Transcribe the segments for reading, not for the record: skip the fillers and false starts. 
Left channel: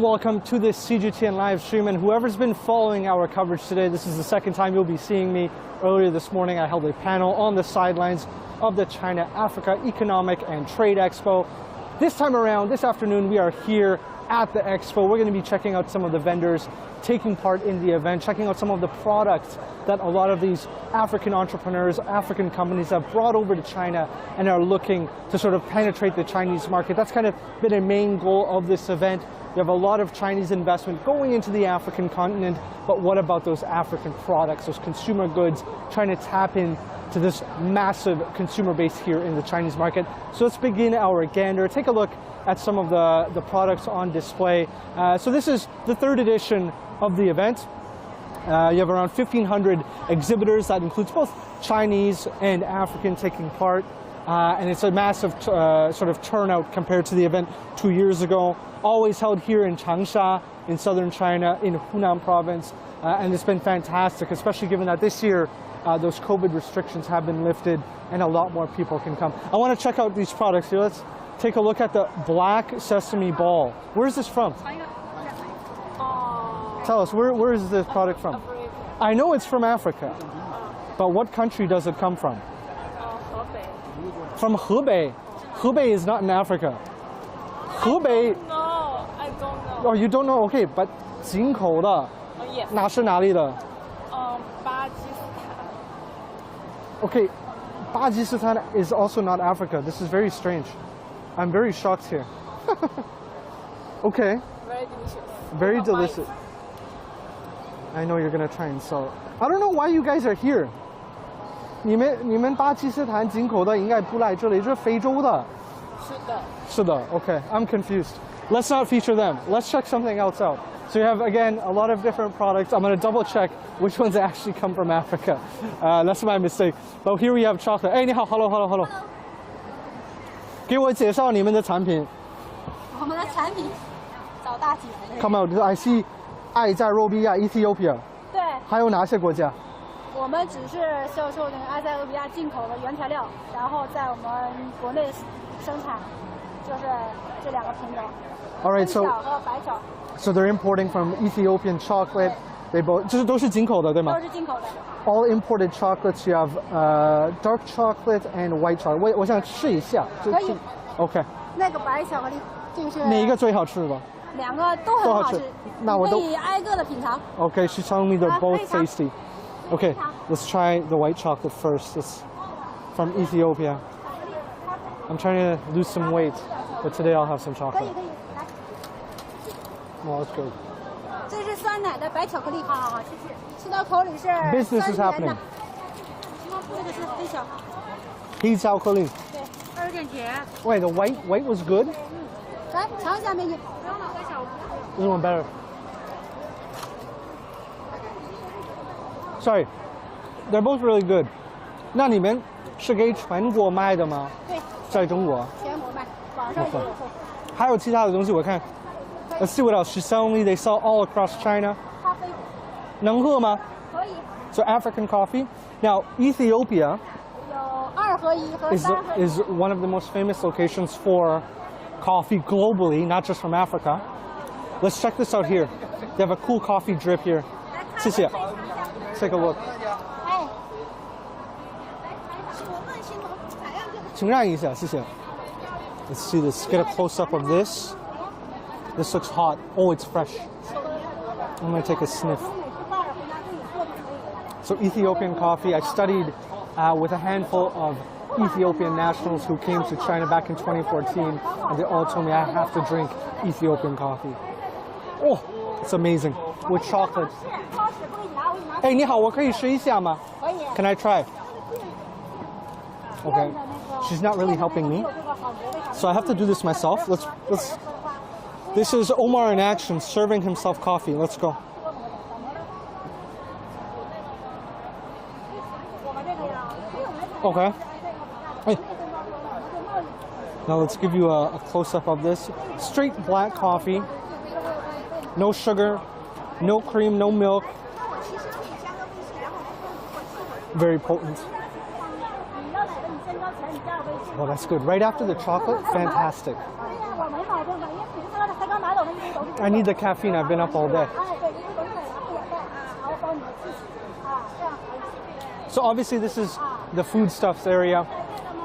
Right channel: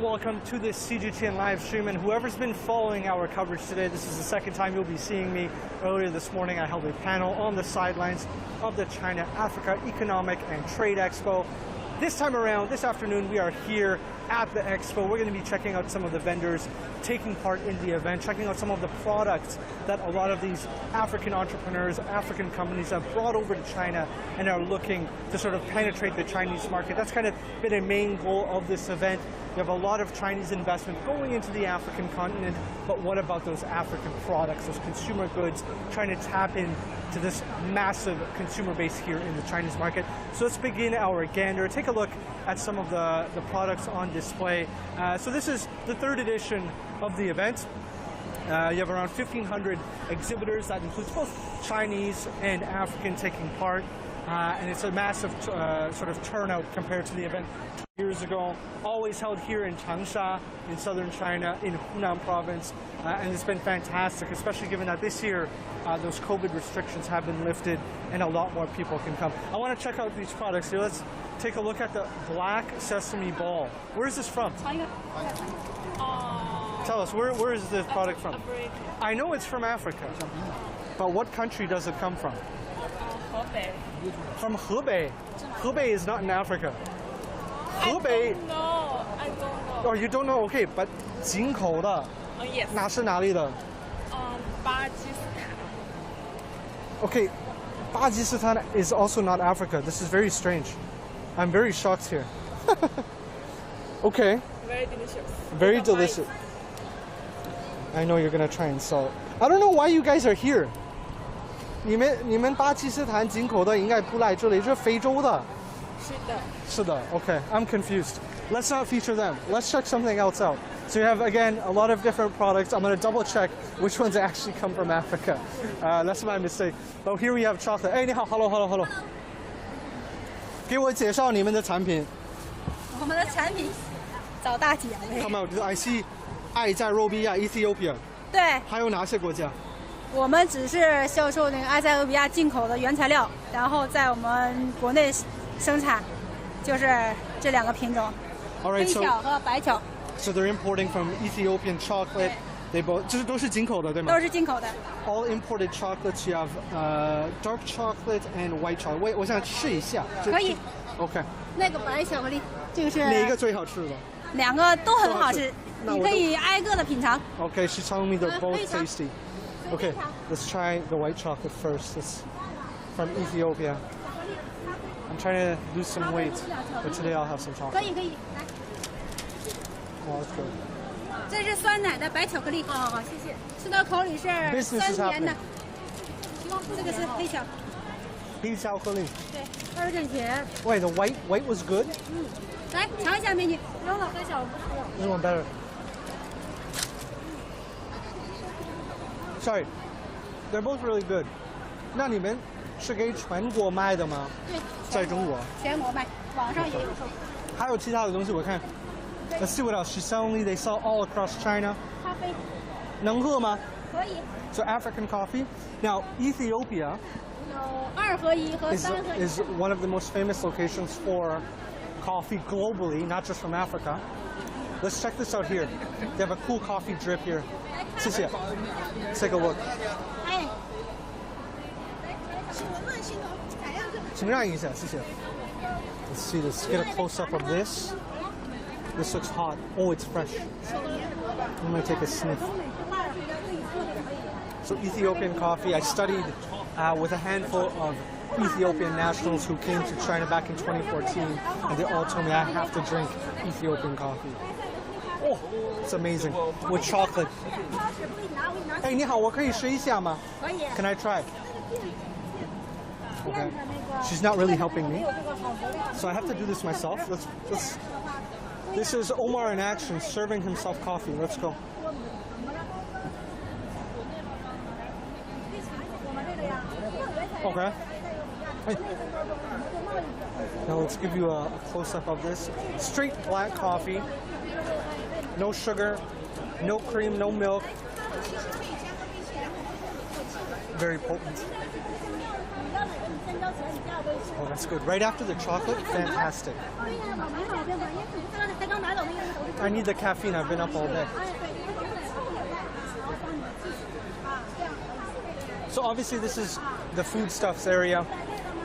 Welcome to this CGTN live stream, and whoever's been following our coverage today, this is the second time you'll be seeing me. Earlier this morning I held a panel on the sidelines of the China-Africa Economic and Trade Expo. This time around, this afternoon, we are here at the Expo. We're going to be checking out some of the vendors taking part in the event, checking out some of the products that a lot of these African entrepreneurs, African companies have brought over to China and are looking to sort of penetrate the Chinese market. That's kind of been a main goal of this event. You have a lot of Chinese investment going into the African continent, but what about those African products, those consumer goods, trying to tap into this massive consumer base here in the Chinese market? So let's begin our gander. Take a look at some of the products on display. So this is the third edition of the event. You have around 1,500 exhibitors. That includes both Chinese and African taking part. And it's a massive sort of turnout compared to the event 2 years ago. Always held here in Changsha in southern China, in Hunan province. And it's been fantastic, especially given that this year those COVID restrictions have been lifted and a lot more people can come. I want to check out these products here. Let's take a look at the black sesame ball. Where is this from? Tell us, where is this product from? Africa. I know it's from Africa, but what country does it come from? Hebei. From Hebei. Hebei is not in Africa. Hebei. No, I don't know. Oh, you don't know? Okay, but 进口的 Yes. 哪是哪里的? 巴基斯坦. Okay, Pakistan is also not Africa. This is very strange. I'm very shocked here. Okay. Very delicious. Very delicious. I know you're gonna try and sell it. I don't know why you guys are here. 你们巴基斯坦进口的应该不来这里，这是非洲的。是的。Okay, I'm confused. Let's not feature them. Let's check something else out. So you have, again, a lot of different products. I'm going to double check which ones actually come from Africa. That's my mistake. But here we have chocolate. Hey, 你好 ，hello. 给我介绍你们的产品。我们的产品找大姐。Come out. I see 爱在肉比亚 Ethiopia. 对。还有哪些国家？我们只是销售那个埃塞俄比亚进口的原材料，然后在我们国内生产，就是这两个品种， Alright, 黑巧和白巧。So they're importing from Ethiopian chocolate. They both 这些都是进口的，对吗？都是进口的。All imported chocolates. You have dark chocolate and white chocolate. 我想试一下。可以。OK。那个白巧克力，这个是。哪一个最好吃的？两个都很好吃，你可以挨个的品尝。Okay, she's telling me they're both tasty. Okay, let's try the white chocolate first. It's from Ethiopia. I'm trying to lose some weight, but today I'll have some chocolate. 可以，来。Well, that's good. 这是酸奶的白巧克力。哦，谢谢。吃到口里是酸甜的。这个是黑巧。黑巧克力。对，2点甜。Wait, the white was good? 来尝一下美女。不用了，太小我不吃了。This one better. Sorry, they're both really good. 那你们是给全国卖的吗？对，在中国。全国卖，网上也有售。还有其他的东西我看。Let's see what else. She's telling me they sell all across China. 咖啡。能喝吗？可以。So African coffee. Now Ethiopia 有2合1和3合1。is one of the most famous locations for coffee globally, not just from Africa. Let's check this out here. They have a cool coffee drip here. 谢谢。Take a look. 哎。请让一下，谢谢。Let's see this. Get a close up of this. This looks hot. Oh, it's fresh. I'm going to take a sniff. So Ethiopian coffee. I studied with a handful of Ethiopian nationals who came to China back in 2014, and they all told me I have to drink Ethiopian coffee. Oh, it's amazing. With chocolate. Hey, 你好，我可以试一下吗？可以。Can I try? Okay. She's not really helping me, so I have to do this myself. Let's. This is Omar in action, serving himself coffee. Let's go. Okay. Hey. Now let's give you a close-up of this. Straight black coffee. No sugar, no cream, no milk. Very potent. Oh, that's good. Right after the chocolate, fantastic. I need the caffeine. I've been up all day. So obviously this is the foodstuffs area.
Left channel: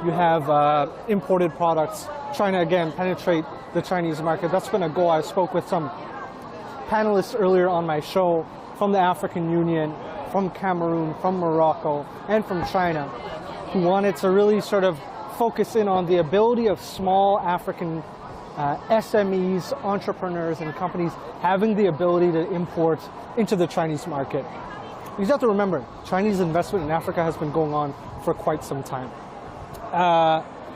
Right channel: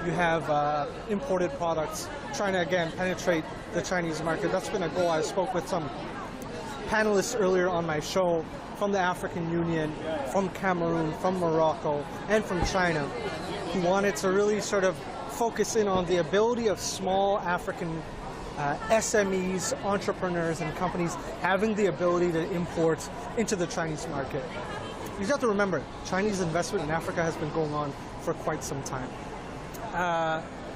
You have imported products, trying to again penetrate the Chinese market. That's been a goal. I spoke with some panelists earlier on my show from the African Union, from Cameroon, from Morocco, and from China, who wanted to really sort of focus in on the ability of small African SMEs, entrepreneurs, and companies having the ability to import into the Chinese market. You have to remember, Chinese investment in Africa has been going on for quite some time.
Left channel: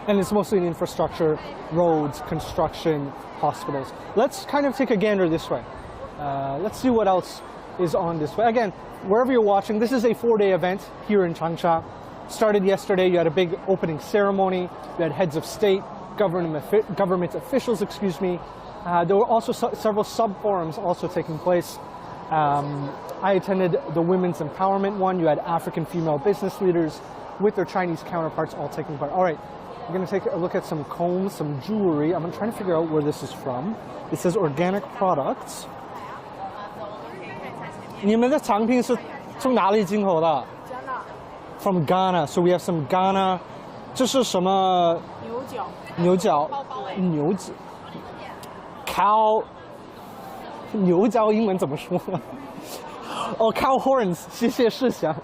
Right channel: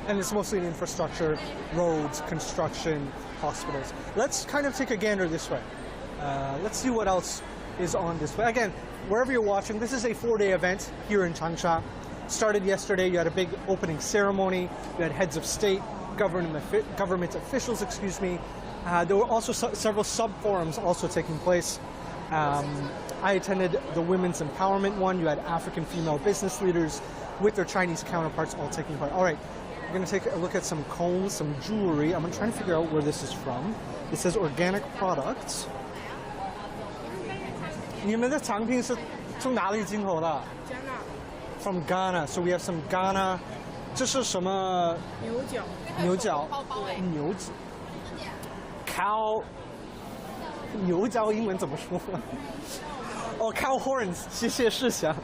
And it's mostly in infrastructure, roads, construction, hospitals. Let's kind of take a gander this way. Let's see what else is on this way. Again, wherever you're watching, this is a 4-day event here in Changsha. Started yesterday. You had a big opening ceremony. You had heads of state, government officials, excuse me. There were also several sub-forums also taking place. I attended the women's empowerment one. You had African female business leaders with their Chinese counterparts all taking part. All right, we're going to take a look at some combs, some jewelry. I'm trying to figure out where this is from. It says organic products. 你们的产品是从哪里进口的？ From Ghana. So we have some Ghana. 这是什么？牛角。牛角。牛角。Cow. 牛角英文怎么说？哦 ，cow horns， 谢谢世祥。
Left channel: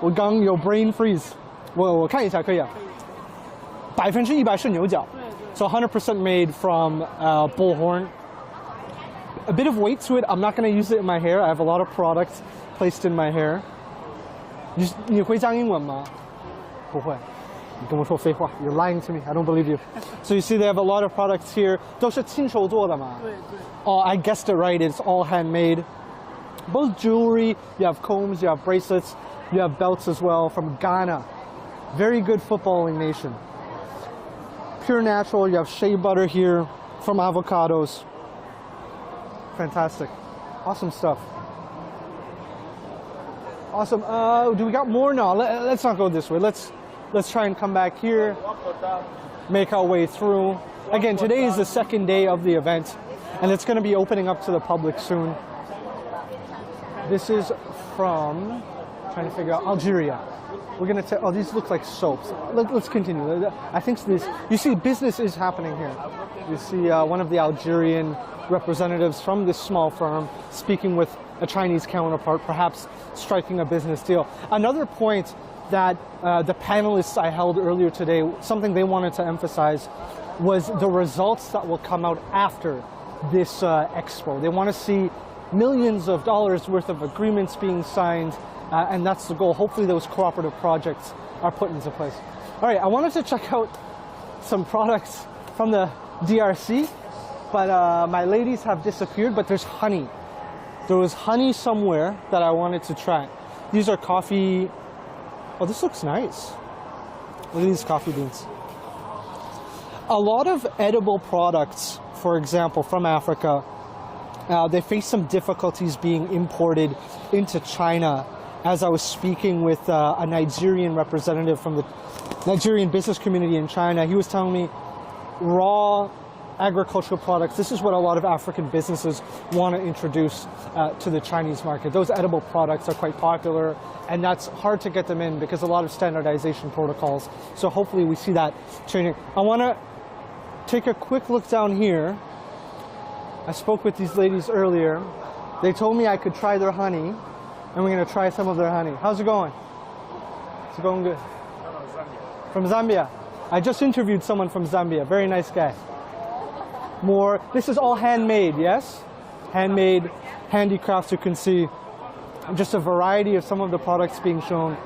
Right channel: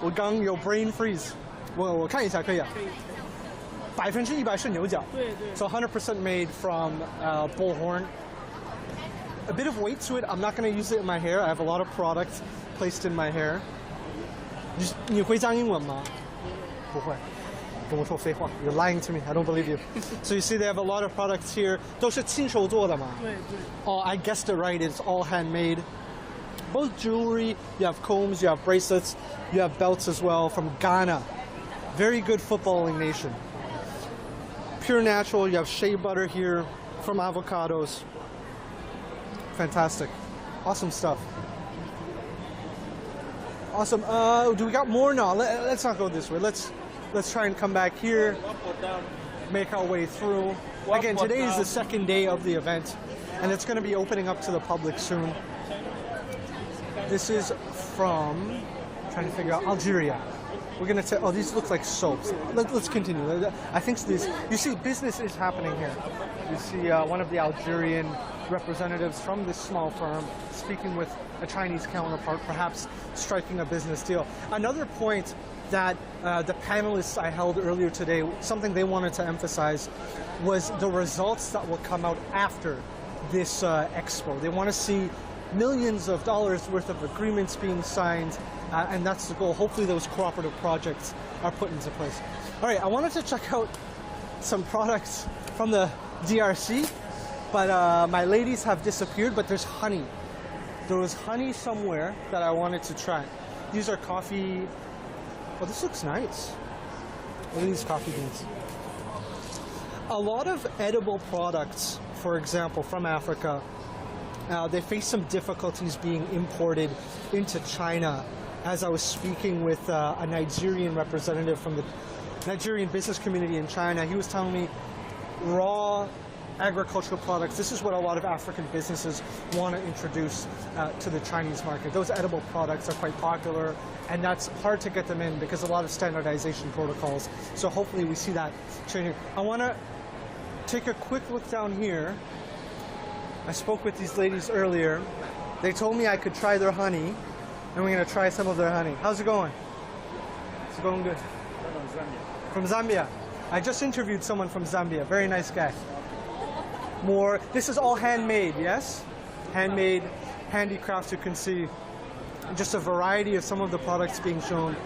我刚有 brain freeze， 我看一下可以啊。100%是牛角。对对。So 100% made from bull horn. A bit of weight to it. I'm not going to use it in my hair. I have a lot of products placed in my hair. 你会讲英文吗？不会。你跟我说废话。You're lying to me. I don't believe you. So you see, they have a lot of products here. 都是亲手做的嘛？对对。Oh, I guessed it right. It's all handmade. Both jewelry. You have combs. You have bracelets. You have belts as well from Ghana. Very good footballing nation. Pure natural. You have shea butter here from avocados. Fantastic. Awesome stuff. Awesome. Do we got more? No, let's not go this way. Let's try and come back here. Make our way through. Again, today is the second day of the event, and it's going to be opening up to the public soon. This is from, trying to figure out, Algeria. We're going to oh, these look like soaps. Let's continue. I think this, you see, business is happening here. You see one of the Algerian representatives from this small firm speaking with a Chinese counterpart, perhaps striking a business deal. Another point that the panelists I held earlier today, something they wanted to emphasize was the results that will come out after this expo. They want to see millions of dollars worth of agreements being signed, and that's the goal. Hopefully those cooperative projects are put into place. All right, I wanted to check out some products from the DRC, but my ladies have disappeared, but there's honey. There was honey somewhere that I wanted to try. These are coffee. Oh, this looks nice. Look at these coffee beans. A lot of edible products, for example, from Africa, they face some difficulties being imported into China. As I was speaking with a Nigerian representative from the Nigerian business community in China, he was telling me raw agricultural products, this is what a lot of African businesses want to introduce to the Chinese market. Those edible products are quite popular, and that's hard to get them in because a lot of standardization protocols. So hopefully we see that training. I want to take a quick look down here. I spoke with these ladies earlier. They told me I could try their honey, and we're going to try some of their honey. How's it going? Is it going good? From Zambia. I just interviewed someone from Zambia. Very nice guy. More. This is all handmade, yes? Handmade handicrafts, you can see just a variety of some of the products being shown.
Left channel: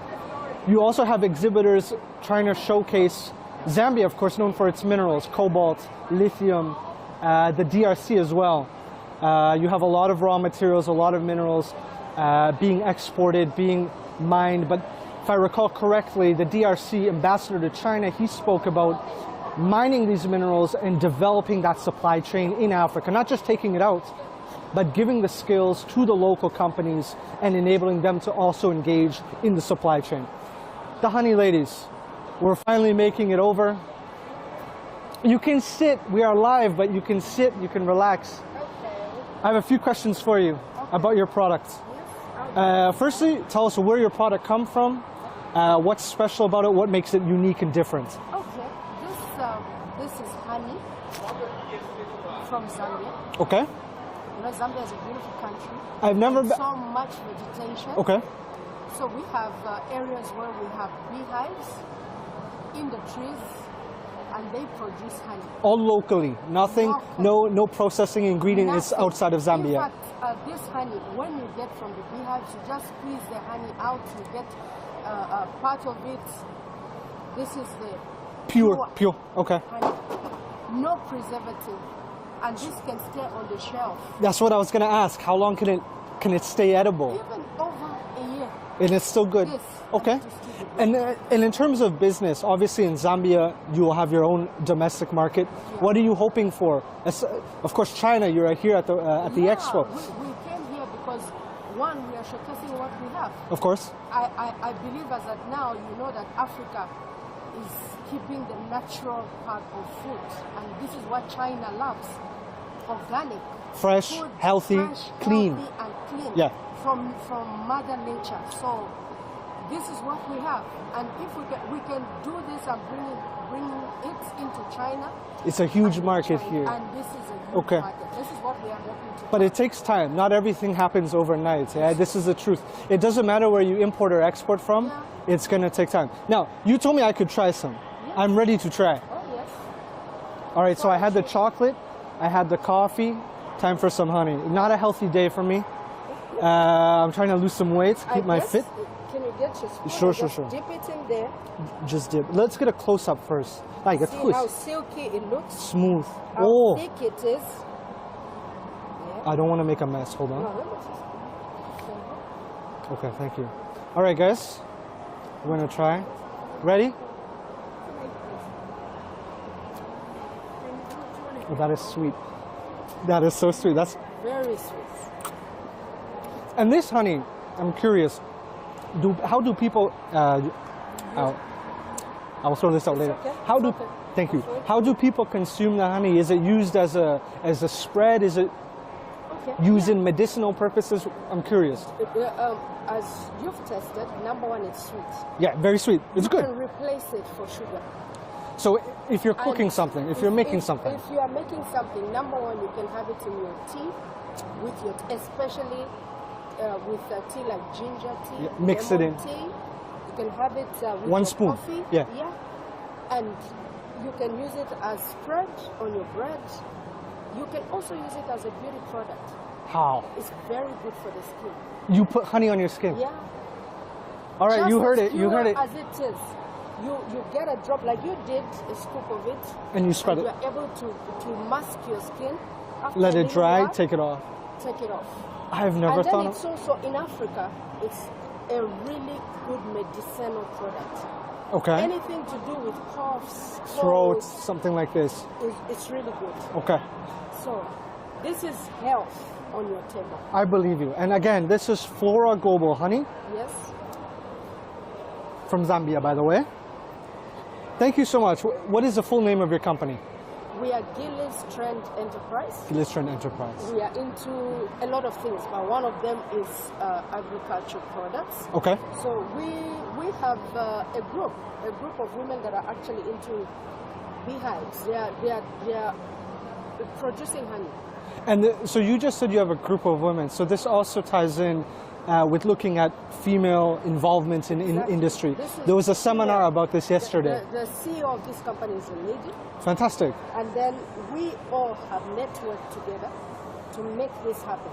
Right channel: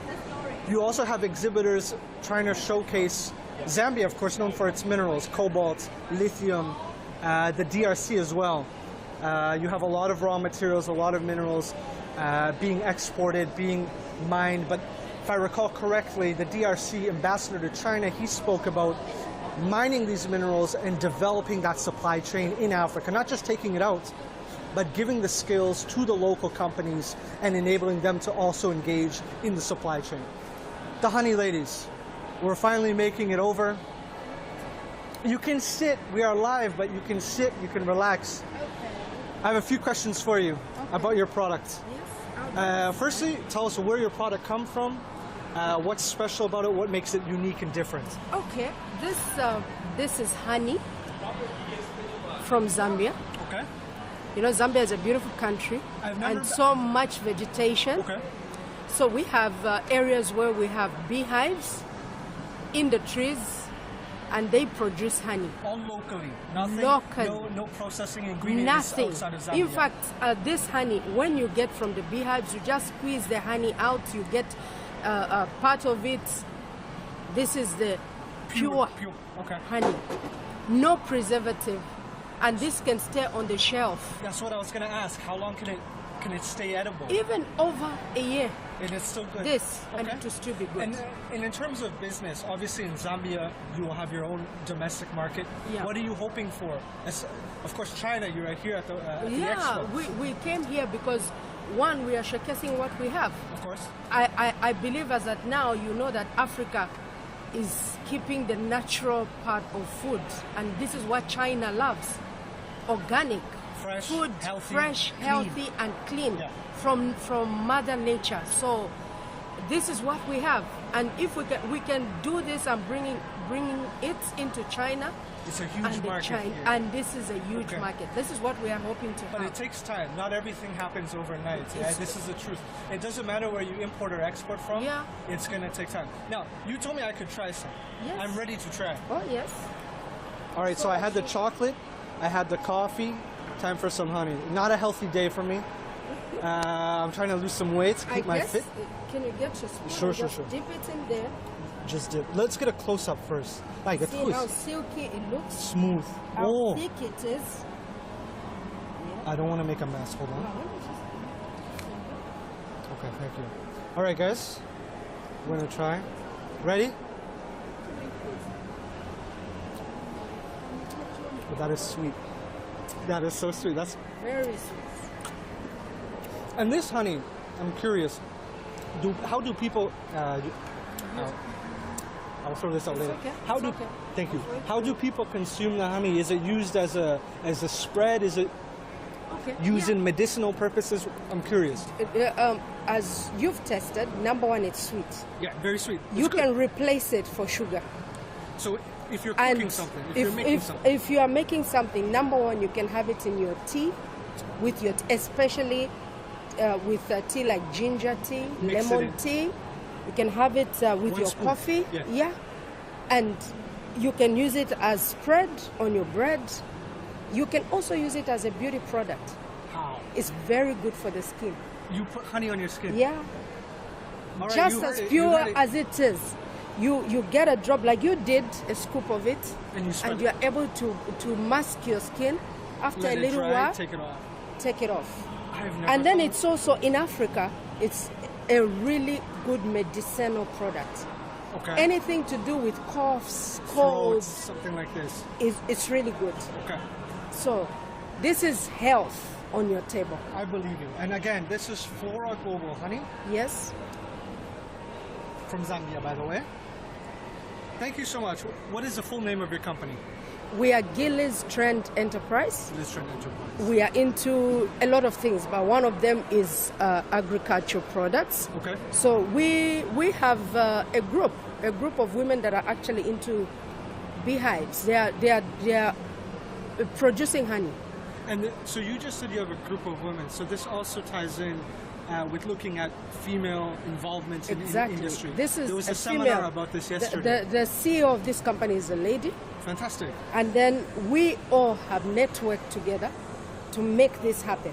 You also have exhibitors trying to showcase Zambia, of course, known for its minerals, cobalt, lithium, the DRC as well. You have a lot of raw materials, a lot of minerals being exported, being mined. But if I recall correctly, the DRC ambassador to China, he spoke about mining these minerals and developing that supply chain in Africa, not just taking it out, but giving the skills to the local companies and enabling them to also engage in the supply chain. The honey ladies, We're finally making it over. You can sit. We are live, but you can sit. You can relax. Okay. I have a few questions for you about your product. Yes. Firstly, tell us where your product come from. What's special about it? What makes it unique and different? Okay, this is honey from Zambia. Okay. You know, Zambia is a beautiful country. I've never and been- so much vegetation. Okay. So we have areas where we have beehives in the trees, and they produce honey. All locally. Nothing. Local. No processing ingredients Nothing. outside of Zambia. In fact, this honey, when you get from the beehives, you just squeeze the honey out. You get part of it. This is the Pure. Okay. honey, no preservative, and this can stay on the shelf That's what I was gonna ask. How long can it stay edible? even over a year. And it's still good. This Okay. and it will still be good. And in terms of business, obviously in Zambia you will have your own domestic market. Yeah. What are you hoping for? Of course, China. You're here at the Expo. we came here because one, we are showcasing what we have. Of course. I believe as that now you know that Africa is keeping the natural part of food, and this is what China loves: organic, Fresh, food, healthy, fresh, clean. healthy, and clean. Yeah. From Mother Nature. So this is what we have, and if we can do this and bringing it into China. It's a huge and market China, here. and this is a huge Okay. market. This is what we are hoping to. But have. it takes time. Not everything happens overnight. This is the truth. It doesn't matter where you import or export from. Yeah. It's going to take time. Now, you told me I could try some. Yes. I'm ready to try. Oh yes. All right, so I had the chocolate. I had the coffee. Time for some honey. Not a healthy day for me. I'm trying to lose some weight, keep my fit. Can you get your spoon? Sure, and sure, just sure. Dip it in there. Just dip. Let's get a close up first. Like a See how twist. silky it looks. Smooth. How Oh, thick it is. I don't want to make a mess. Hold No, on. let me just. Okay, thank you. All right, guys. We're going to try. Ready? Oh, that is sweet. That is so sweet. That's Very sweet. And this honey, I'm curious. How do people? I'll throw this out later. okay, How do? it's okay. Thank you. I'll throw it. How do people consume the honey? Is it used as a spread? Is it Okay. used in medicinal purposes? I'm curious. As you've tested, number one, it's sweet. Yeah, very sweet. It's You good. can replace it for sugar. So if you're cooking And something, if you're making something, if you are making something, number one, you can have it in your tea, with your especially with tea like ginger tea, Mix it lemon in. tea. You can have it with One your spoon. coffee. Yeah. And you can use it as spread on your bread. You can also use it as a beauty product. how? It's very good for the skin. You put honey on your skin. Yeah. All right, Just you heard as it. You pure heard it. as it is. You get a drop like you did, a scoop of it, And you spread and it. you're able to mask your skin. After Let a it little dry. while, Take it off. take it off. I've never And then thought. it's also in Africa, it's a really good medicinal product. Okay. Anything to do with coughs, Throats, colds, something like this. it's really good. Okay. So this is health on your table. I believe you. And again, this is Flora Global honey Yes. from Zambia, by the way. Thank you so much. What is the full name of your company? We are Gillies Trend Enterprise. Listron Enterprise. We are into a lot of things, but one of them is agriculture products. Okay. So we have a group of women that are actually into beehives. They are producing honey. And so you just said you have a group of women. So this also ties in with looking at female involvement in Exactly. industry. This is There was a seminar female. about this yesterday. The CEO of this company is a lady, Fantastic. and then we all have networked together to make this happen.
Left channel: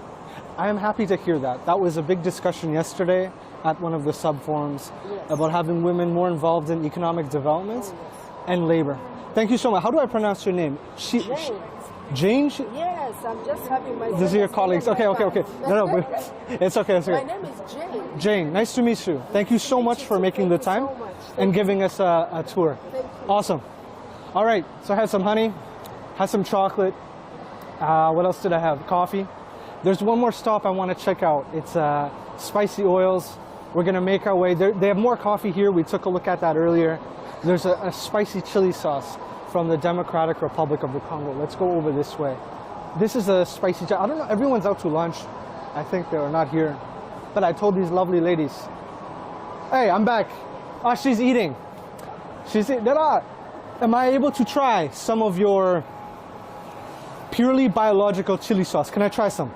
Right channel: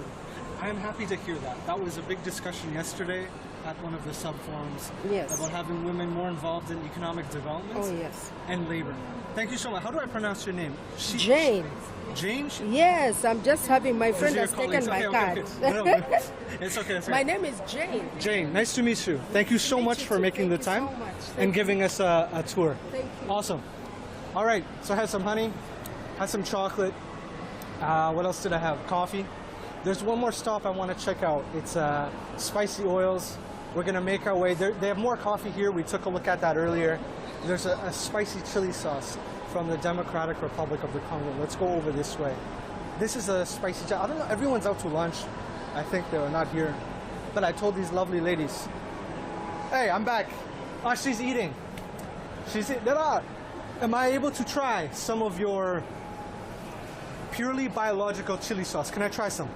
I am happy to hear that. That was a big discussion yesterday at one of the sub-forums Yes. about having women more involved in economic development Oh yes, and labor. Thank you so much. How do I pronounce your name? Jane. Jane? Yes, I'm just having my These friend are your has colleagues. taken Okay, my okay, okay. card. No, but it's okay. It's okay. My name is Jane. Jane, nice to meet you. Thank you so meet much you for too. making Thank the you time so much. and Thank giving us a tour. Thank you. Awesome. All right, so I have some honey, have some chocolate. What else did I have? Coffee. There's one more stop I want to check out. It's spicy oils. We're going to make our way. They have more coffee here. We took a look at that earlier. There's a spicy chili sauce from the Democratic Republic of the Congo. Let's go over this way. This is a spicy chili. I don't know, everyone's out to lunch. I think they were not here. But I told these lovely ladies, hey, I'm back. Oh, she's eating. She's eating. Am I able to try some of your purely biological chili sauce? Can I try some?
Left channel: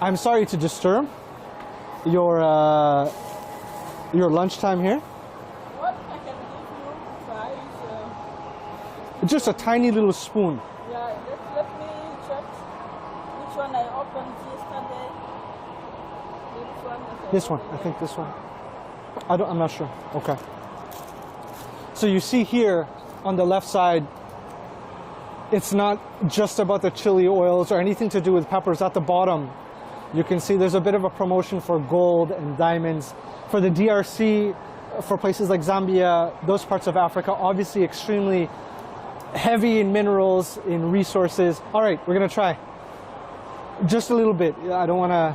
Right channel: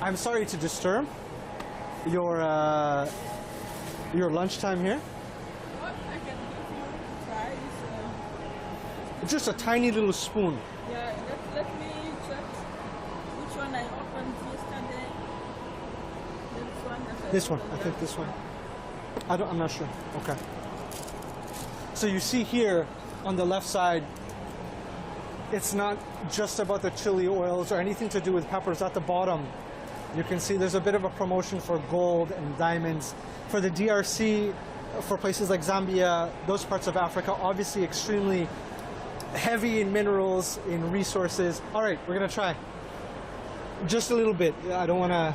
I'm sorry to disturb your lunchtime here. What I can give you try is Just a tiny little spoon. yeah. Let me check which one I opened yesterday. This one, I think this one. I'm not sure. Okay. So you see here on the left side, it's not just about the chili oils or anything to do with peppers. At the bottom, you can see there's a bit of a promotion for gold and diamonds. For the DRC, for places like Zambia, those parts of Africa, obviously extremely heavy in minerals, in resources. All right, we're gonna try. Just a little bit. I don't wanna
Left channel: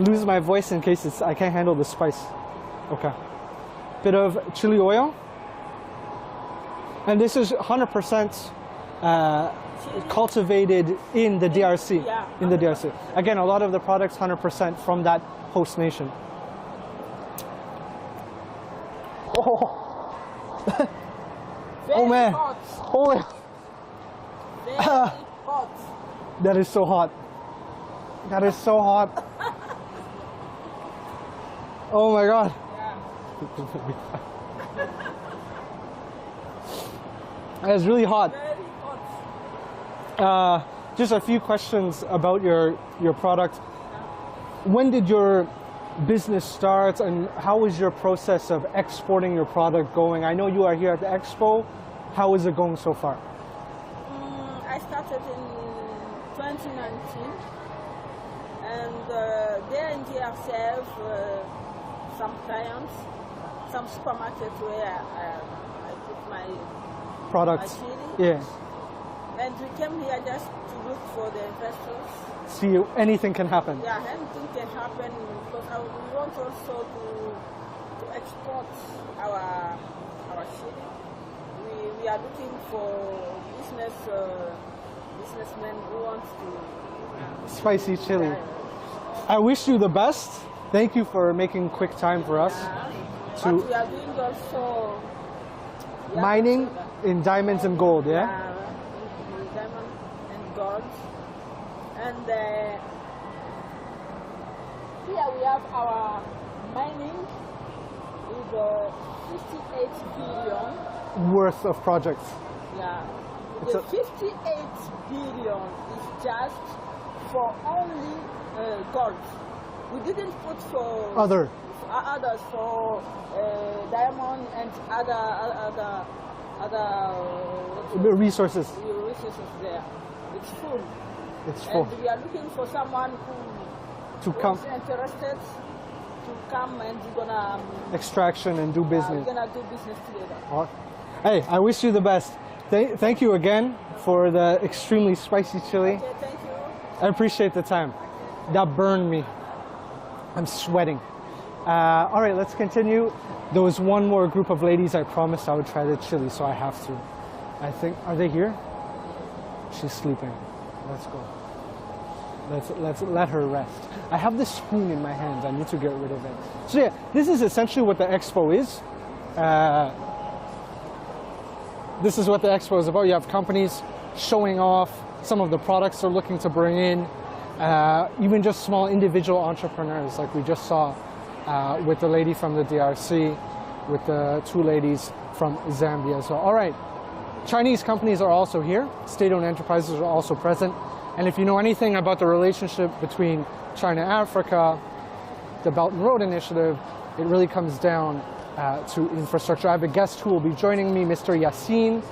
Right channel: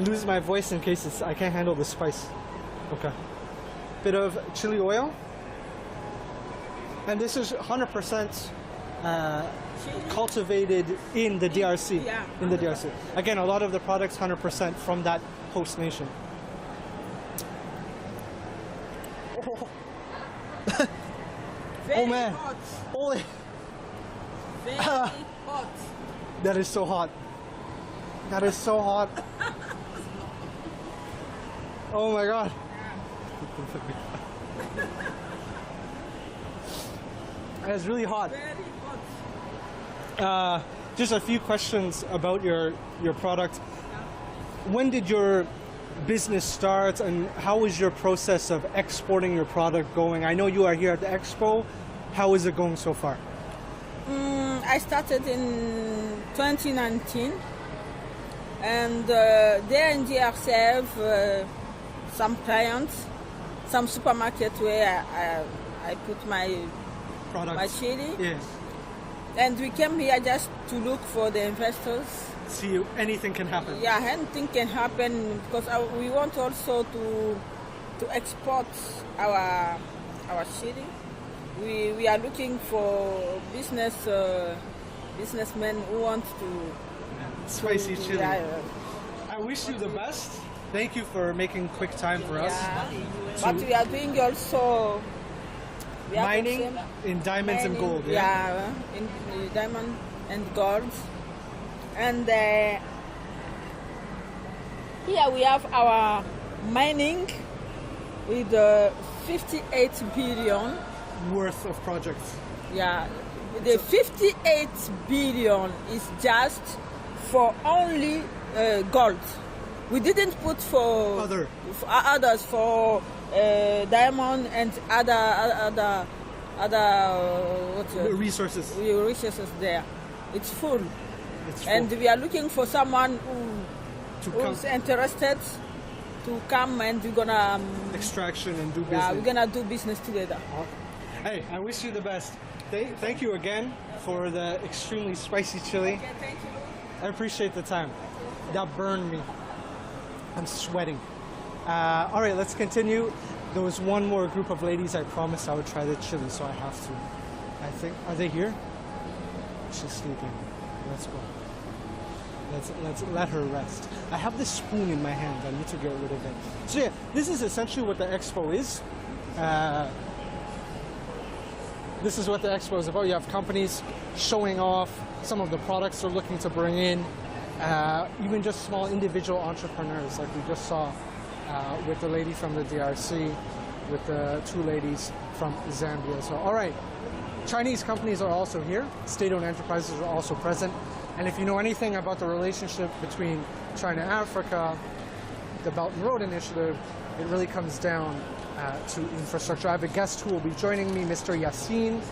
lose my voice in case I can't handle the spice. Okay. Bit of chili oil. And this is 100% cultivated in the DRC. Yeah. In the DRC. Again, a lot of the products 100% from that host nation. Oh, Very man. hot. Oh, Very hot. that is so hot. That is so hot. Oh my God. That is really hot. Very hot. Just a few questions about your product. When did your business start and how is your process of exporting your product going? I know you are here at the Expo. How is it going so far? I started in 2019, and there in DRC I have some clients, some supermarket where I put my Products. chili. Yeah. And we came here just to look for the investors. See, anything can happen. Yeah, anything can happen because we want also to export our chili. We are looking for businessmen who want to. Spicy chili. Yeah, I wish you the best. Thank you for making quick time for us. What we are doing also. we are Mining also in diamonds and gold, yeah? Yeah, in diamond and gold. And here we have our mining with 58 billion. Worth of projects. Yeah, the 58 billion is just for only gold. We didn't put for others for diamond and other The resources. resources there. It's full. It's full. And we are looking for someone come. who's interested to come, and we're gonna Extraction and do we're business. gonna do business together. Hey, I wish you the best. Thank you again for the extremely spicy chili. Okay, thank you. I appreciate the time. That burned me. I'm sweating. All right, let's continue. There was one more group of ladies. I promised I would try the chili, so I have to. I think, are they here? She's sleeping. Let's go. Let's let her rest. I have this spoon in my hand. I need to get rid of it. So yeah, this is essentially what the Expo is. This is what the Expo is about. You have companies showing off some of the products they're looking to bring in. Even just small individual entrepreneurs, like we just saw with the lady from the DRC, with the two ladies from Zambia. So, all right, Chinese companies are also here. State-owned enterprises are also present. And if you know anything about the relationship between China and Africa, the Belt and Road Initiative, it really comes down to infrastructure. I have a guest who will be joining me, Mr. Yassine.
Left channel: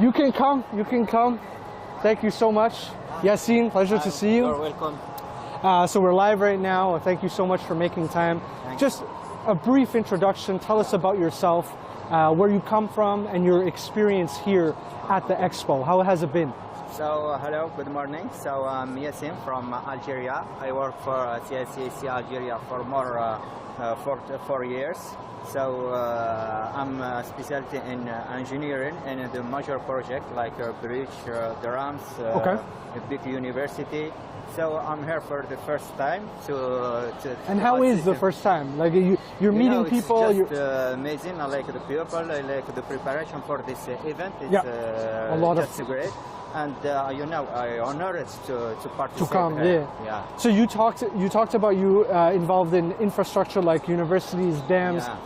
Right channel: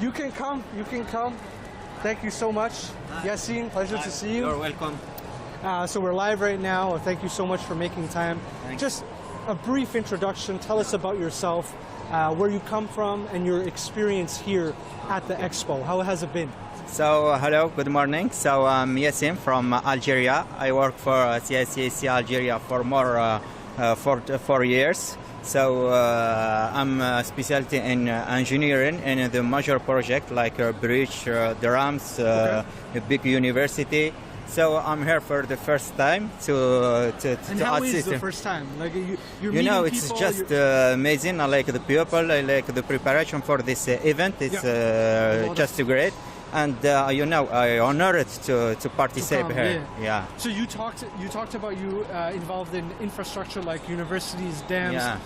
You can come. Thank you so much. Yassine, pleasure to see you. You're welcome. So we're live right now. Thank you so much for making time. Just a brief introduction. Tell us about yourself, where you come from, and your experience here at the Expo. How has it been? So, hello, good morning. So, I'm Yassine from Algeria. I work for CICC Algeria for more for 4 years. So I'm a specialty in engineering and the major project like a bridge, dams, a big university. So I'm here for the first time to And how is the first time? Like you're meeting it's people. just amazing. I like the people. I like the preparation for this event. It's just great. And I honored to participate here. Yeah. So you talked about you involved in infrastructure like universities, dams. Yeah.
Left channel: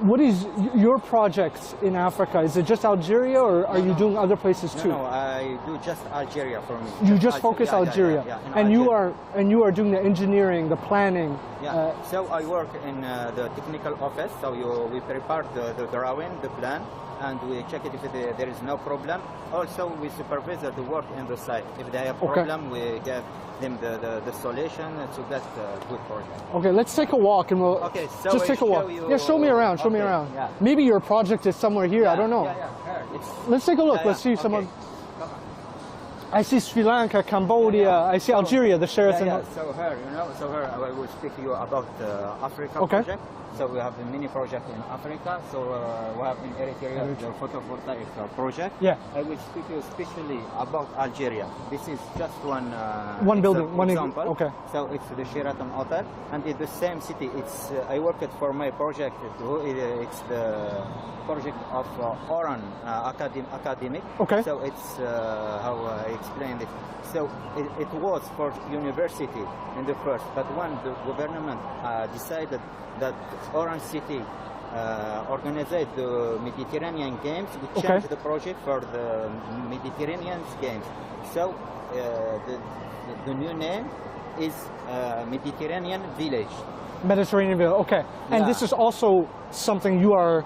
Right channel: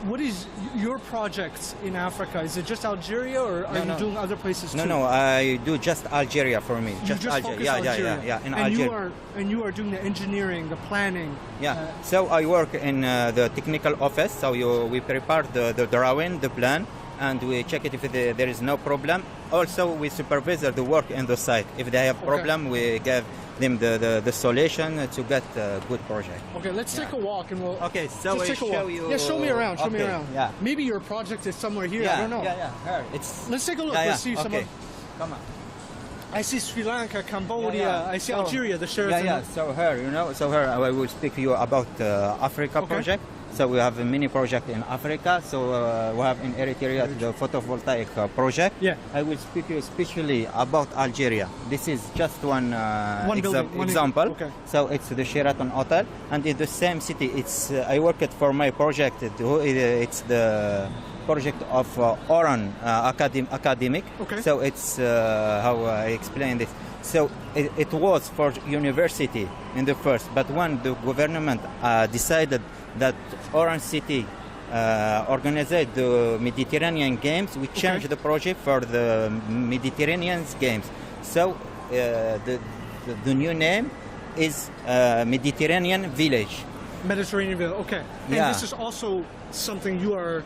What is your projects in Africa? Is it just Algeria, or are you doing other places too? No, I do just Algeria for me. You just focus Algeria. In and Algeria. you are doing the engineering, the planning. Yeah. So I work in the technical office. So we prepare the drawing, the plan, and we check it if there is no problem. Also, we supervise the work in the site. If they have problem, we give them the solution to get a good project. Okay, let's take a walk and we'll so just take a walk. you. Yeah, show me around. Show me around. Yeah. Maybe your project is somewhere here. I don't know. Here. Let's take a look. Let's see someone. Come on. I see Sri Lanka, Cambodia. I see Algeria, the Sheraton. So here, I will speak to you about the Africa project. So we have a mini project in Africa. So we have in Eritrea the photovoltaic project. Yeah. I will speak to you especially about Algeria. This is just one example. Okay. So it's the Sheraton Hotel, and in the same city, it's I worked for my project. It's the project of Oran academic. Okay. So it's how I explain this. So it was for university in the first, but when the government decided that Oran City organized the Mediterranean Games, we changed the project for the Mediterranean Games. So the new name is Mediterranean Village. Mediterranean Village. Okay. And this is also something you are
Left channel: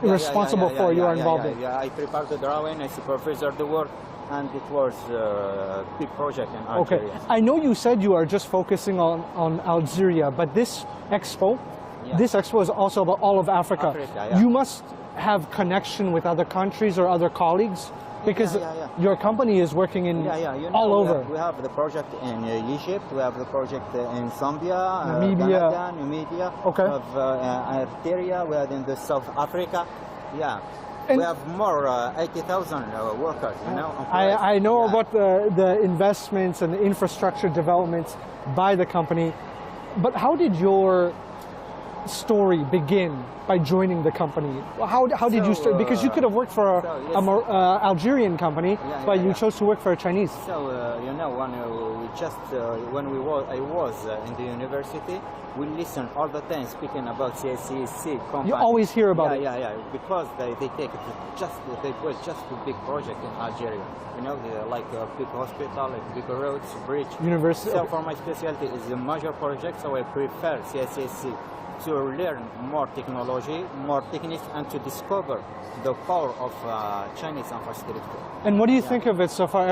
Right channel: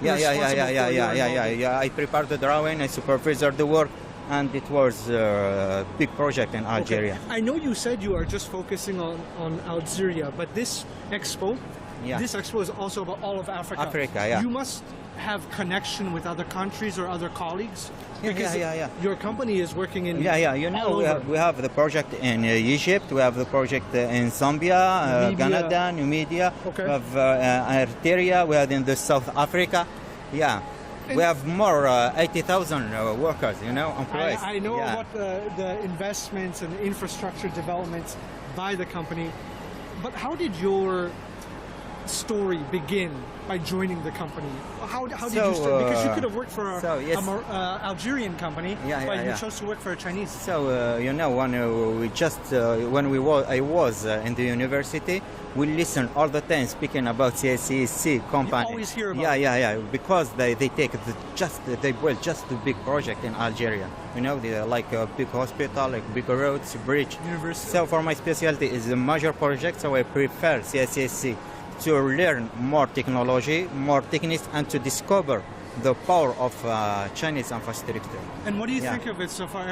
responsible for. You are involved in. I prepared the drawing, I supervised the work, and it was a big project in Algeria. Okay. I know you said you are just focusing on Algeria, but this Expo is also about all of Africa. You must have connection with other countries or other colleagues because your company is working in all over. We have the project in Egypt, we have the project in Zambia, Canada, Namibia, we have Eritrea, we have in the South Africa. Yeah. We have more 80,000 workers, employees. I know about the investments and the infrastructure developments by the company, but how did your story begin by joining the company? How did you start? Because you could have worked for an Algerian company, but you chose to work for a Chinese. So when I was in the university, we listen all the time speaking about CGTN company. You always hear about it. Yeah, because they take they build just the big project in Algeria. Like a big hospital, like big roads, bridge. University. So for my specialty is a major project, so I prefer CGTN to learn more technology, more techniques, and to discover the power of Chinese infrastructure. And what do you think of it so far?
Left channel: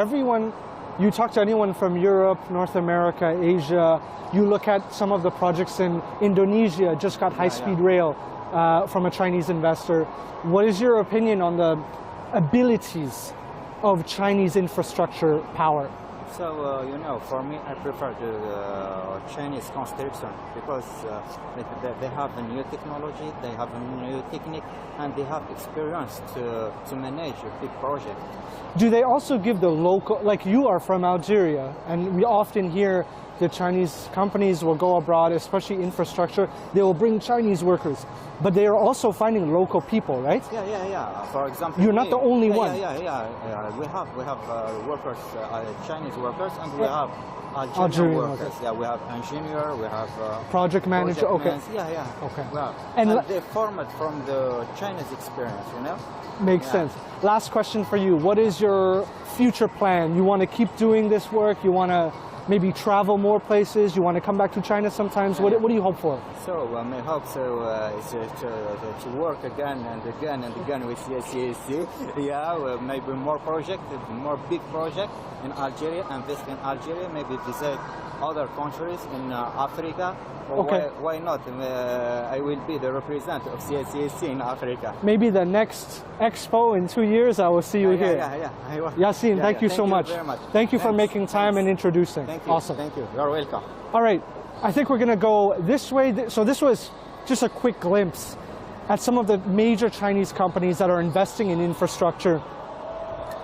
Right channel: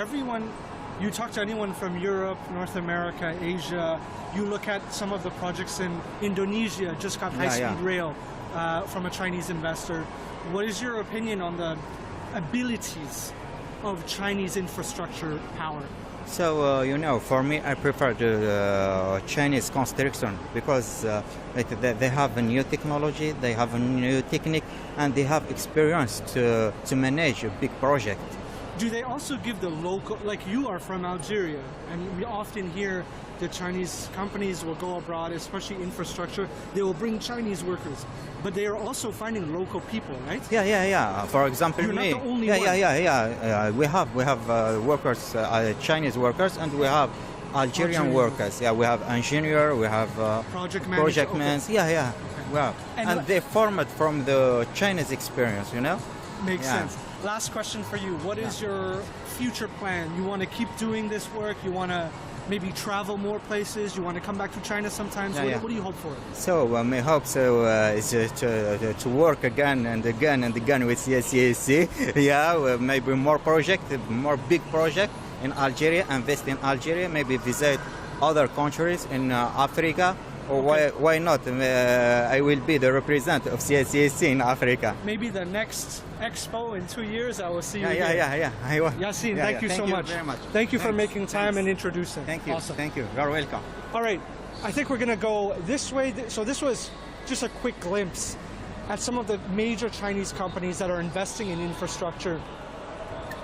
You talk to anyone from Europe, North America, Asia, you look at some of the projects in Indonesia, just got high-speed rail from a Chinese investor. What is your opinion on the abilities of Chinese infrastructure power? So, for me, I prefer the Chinese construction because they have a new technology, they have a new technique, and they have experience to manage a big project. Do they also give the local, like you are from Algeria, and we often hear the Chinese companies will go abroad, especially infrastructure, they will bring Chinese workers, but they are also finding local people, right? Yeah. For example, you're not the only one. Yeah. We have workers, Chinese workers, and we have Algerian workers. Yeah, we have engineer, we have project manager. Yeah. Okay. Wow. And they formed from the Chinese experience, Makes sense. Last question for you. What is your future plan? You want to keep doing this work? You want to maybe travel more places? You want to come back to China sometimes? What do you hope for? So my hope is to work again and again with CGTN. Maybe more project, more big project in Algeria, invest in Algeria, maybe visit other countries in Africa. Why not? I will be the representative of CGTN in Africa. Maybe the next Expo in 2 years, I will see you here. Yeah. Yassine, thank you so much. Very much. Thank you for making time and introducing. Thank you. Awesome. Thank you. You're welcome. All right. I think we're going to go this way. So this was just a quick glimpse at some of the major Chinese companies that are investing in infrastructure,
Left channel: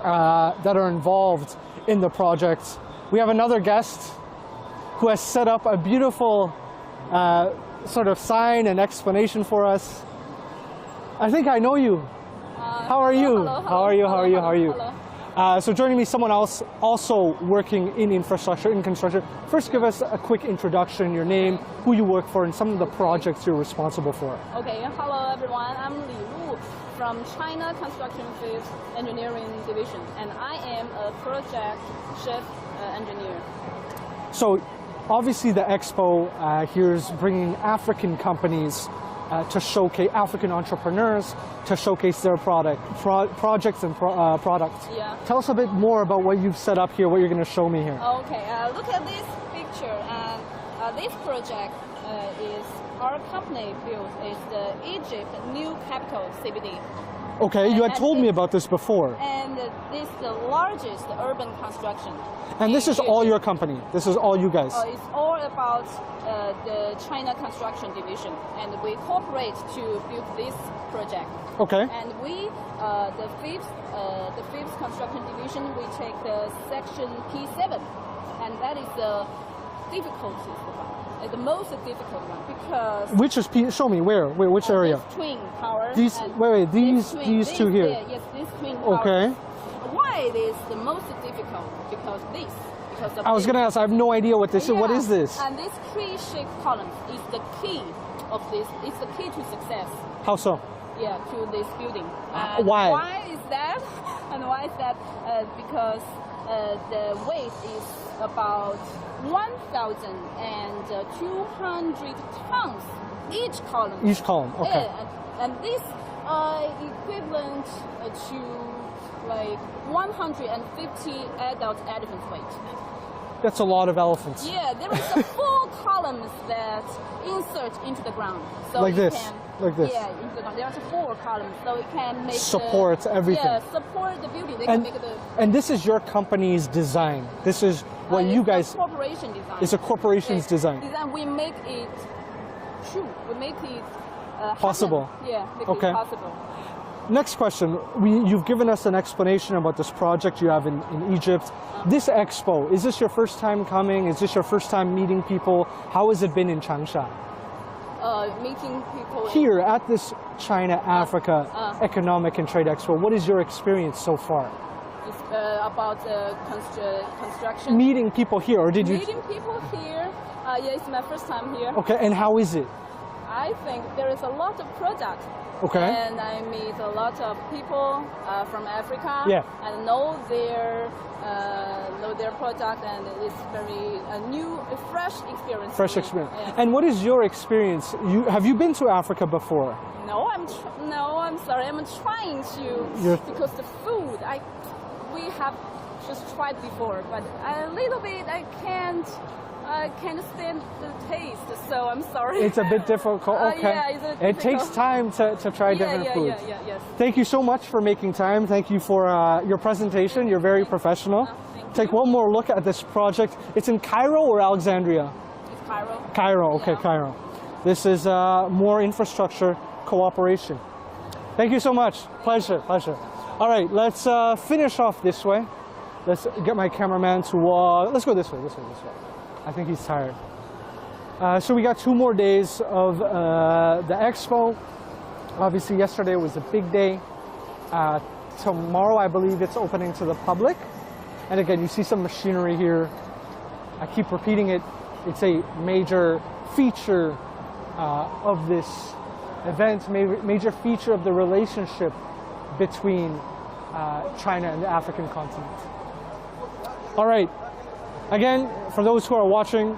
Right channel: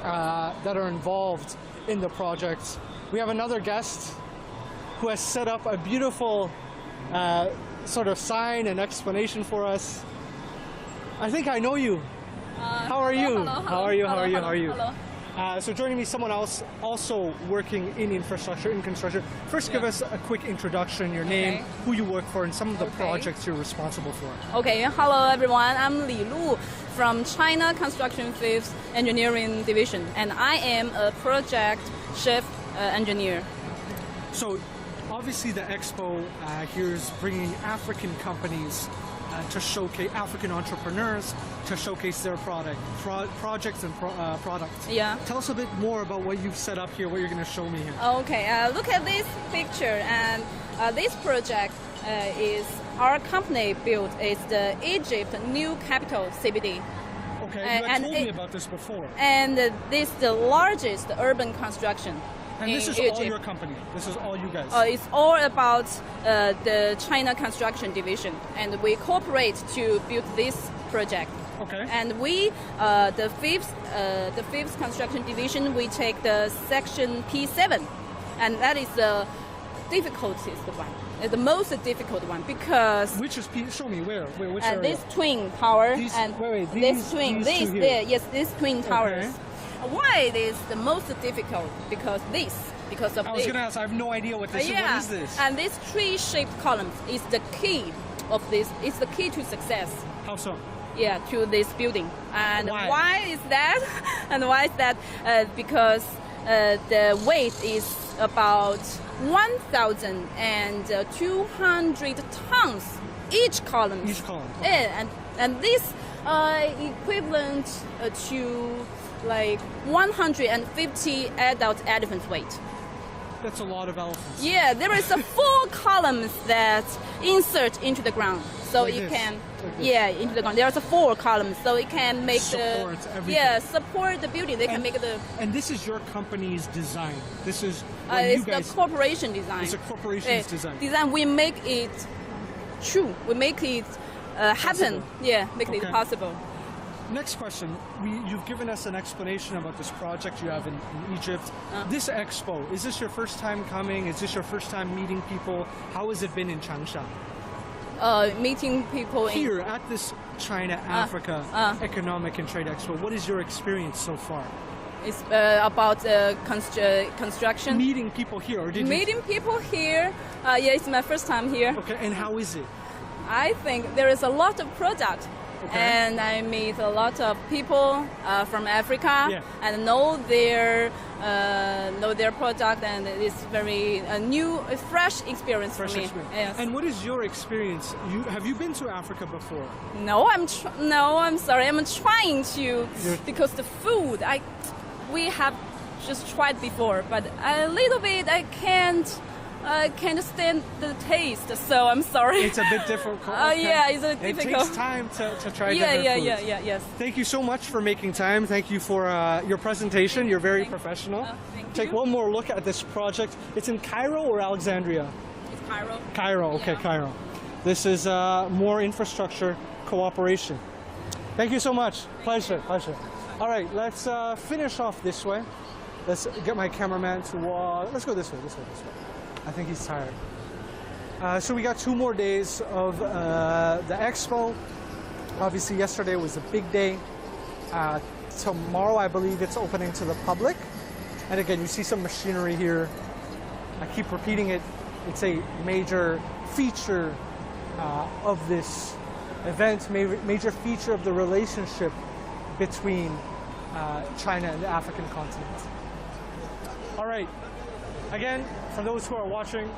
that are involved in the project. We have another guest who has set up a beautiful sort of sign and explanation for us. I think I know you. How are you? Hello. How are you? How are you? How are you? Hello. So joining me, someone else also working in infrastructure, in construction. First, give us a quick introduction, your name, who you work for, and some of the projects you're responsible for. Okay, hello everyone. I'm Li Lu from China Construction Fifth Engineering Division, and I am a project chief engineer. So, obviously, the Expo here is bringing African companies to showcase African entrepreneurs to showcase their projects and products. Yeah. Tell us a bit more about what you've set up here, what you're going to show me here. Okay, look at this picture, and this project is our company built is the Egypt new capital CBD. Okay, you had and told me about this before. And this is the largest urban construction. And this in is all Egypt. your company. This is all you guys. It's all about the China Construction Division, and we cooperate to build this project. Okay. And we, the fifth construction division, we take the section P7, and that is the difficultest one, the most difficult one, because Which is show me where? Which area? this twin tower These- and wait, these twin, these two here. yes, these twin towers. Okay. Why it is the most difficult? Because of I was this. going to ask. I have no idea what this is. What Yeah, is this? And this tree-shaped columns is the key of this. It's the key to success. How so? Yeah, to this building. And Why? Why is that? And why is that? Because the weight is about 1,200 tons each column. Each column, okay. And this equivalent to like 150 adult elephant weight. That's a lot of elephants. Yeah, there is a 4 columns that insert into the ground, so Like it this, can. like this. Yeah, into the ground. There's a 4 columns, so it can make Support everything. Yeah, support the building. They can make the. And this is your company's design. This is what you it's guys. a corporation design. It's a corporation's design. Design. We make it true. We make it Possible. happen. Yeah, make Okay. it possible. Next question. You've given us an explanation about this project you have in Egypt. This expo, is this your first time coming? Is this your first time meeting people? How has it been in Changsha? Meeting people Here at this China-Africa Economic and Trade Expo, what is your experience so far? It's about construction. Meeting people here, or did you? Meeting people here. Yeah, it's my first time here. Okay, and how is it? I think there is a lot of product. Okay. And I meet a lot of people from Africa Yeah. and know their product, and it's very new, a fresh experience Fresh for me. experience. Yes. And what is your experience? Have you been to Africa before? No, I'm sorry. I'm trying to because the food we have just tried before, but a little bit I can't stand the taste, so I'm sorry. It's a bit difficult. Okay. Yeah, it's a bit It takes difficult. time to try different foods. Yes. Thank you so much for making time. Thank you for your presentation. You're very professional. Thank Take you. one more look at this project. It's in Cairo or Alexandria? It's Cairo. Cairo, okay, Yeah. Cairo. This is more infrastructure cooperation. Thank you so much. Pleasure. All right, let's finish off this way. Let's get my cameraman to, let's go this way. I think he's tired. So we got 2 more days of the expo. Obviously, yesterday was a big day. Tomorrow, I believe it's opening to the public. And again, you see some machinery here. I keep repeating it. It's a major feature of this event, major feature of the relationship between China and the African continent. All right. Again, for those who are watching,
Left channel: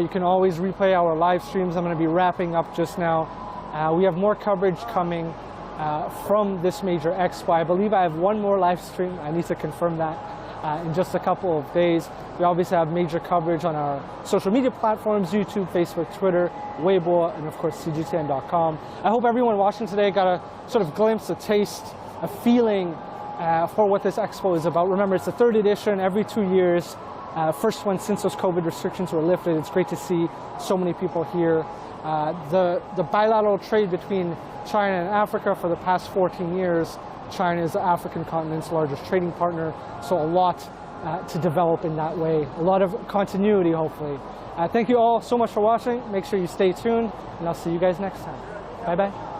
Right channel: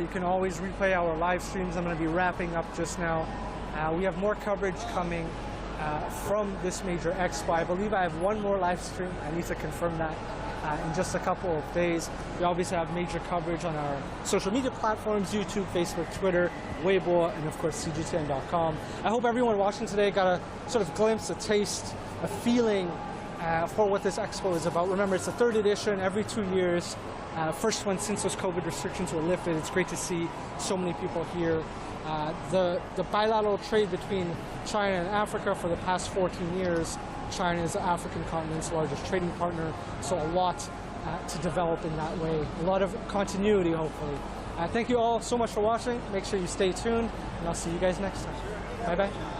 you can always replay our live streams. I'm going to be wrapping up just now. We have more coverage coming from this major expo. I believe I have 1 more live stream. I need to confirm that in just a couple of days. We obviously have major coverage on our social media platforms, YouTube, Facebook, Twitter, Weibo, and of course CGTN.com. I hope everyone watching today got a sort of glimpse, a taste, a feeling for what this expo is about. Remember, it's the 3rd edition every 2 years. First one since those COVID restrictions were lifted. It's great to see so many people here. The bilateral trade between China and Africa for the past 14 years, China is the African continent's largest trading partner, so a lot to develop in that way. A lot of continuity, hopefully. Thank you all so much for watching. Make sure you stay tuned, and I'll see you guys next time. Bye-bye.